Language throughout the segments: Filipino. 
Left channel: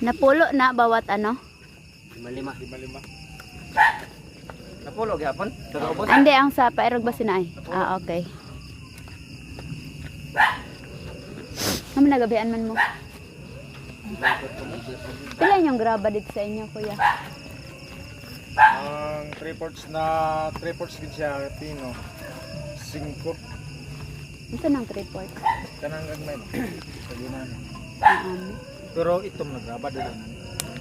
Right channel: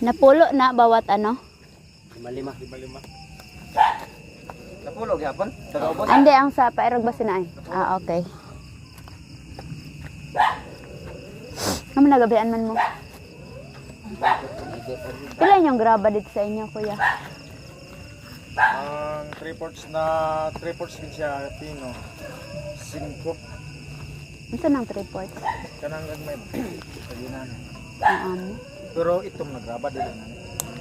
Napulo na bawat ano? Lima. Napulo gyapon. Tagaubos. Ande ang sa pairog ba sinaay? Ah, okay. Ano nagabihan man mo? Pila yung graba dito sa inyo, kuya? Ang 3/4 gid siya pino. 5 Ito nang 3/4. kanang gagmay paginan. Ano? Pero itong nagraba dili na.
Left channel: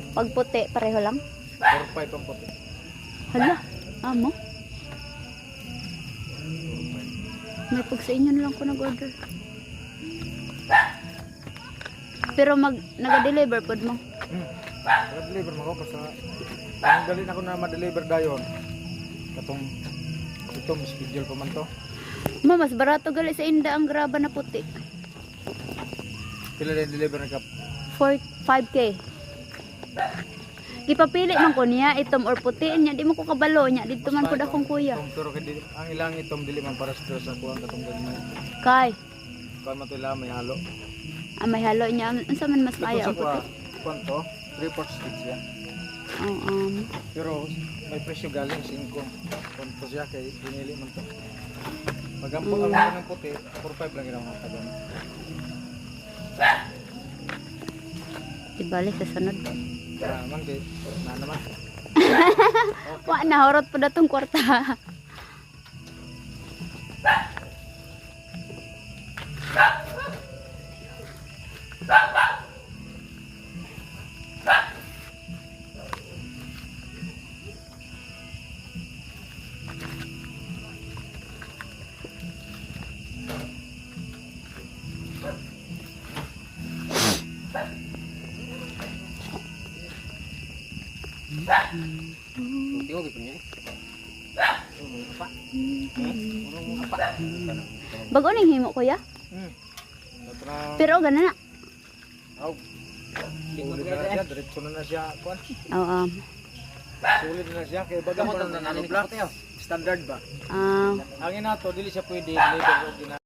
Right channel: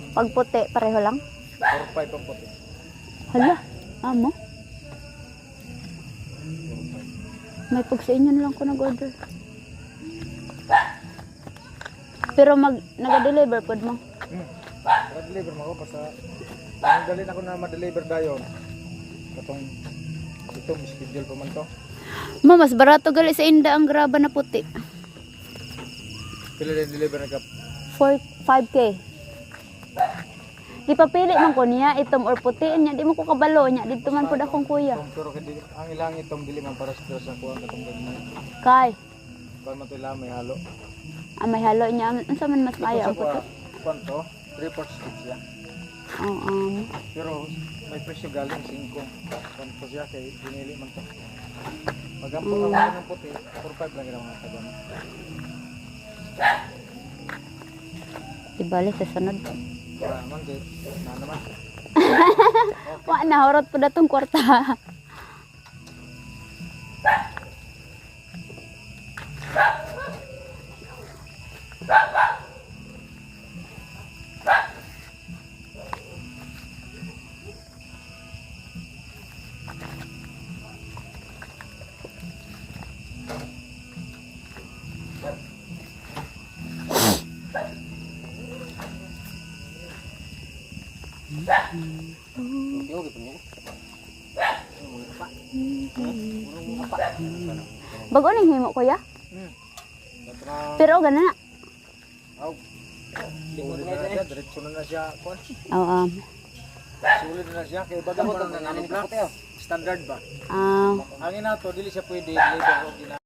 Pag puti, pareho lang? 4/5 ang puti. Hala, amo. May pag sa inyo na lang ko nag-order. Pero naga-deliver pod mo. Deliver mo ko sa ang dali na ko na ma-deliver dayon. Katong itong schedule pa man to. Mo, mas barato gali sa inda ang graba na puti. Pila din deliver na ka 5K. Ipapili man ko niya itom or putiin niya, di mo ko kabalo niya. Dito man pod akong kuya. pero kay ang ilang itong dili man para sa kuha katong gagmay. Kay, Kuha man to ila may halo. may halo niya. Unsa man mas maayo ang puti? Kwanto? 3/4 siya. Oh, Pero may presyo galing 5. Kwanto siya kay pinili man to. Pag ang pagkakas ng puti, 4/5 lang yung mga tagang. Ibalik sa sunod. Kaya naman kay, na naman. Wa na horot pa datong kwarta. Tiyo gipon niya. Bago ning himo kuya. Patra, Pero ganun na. aw. Sulit na siya, diretso na siya. Kuan. Oo. Sulit na siya, kay baga mo na nanalo black. Standard ba? Ah, Ang inato, dili siya pwede deliver o gina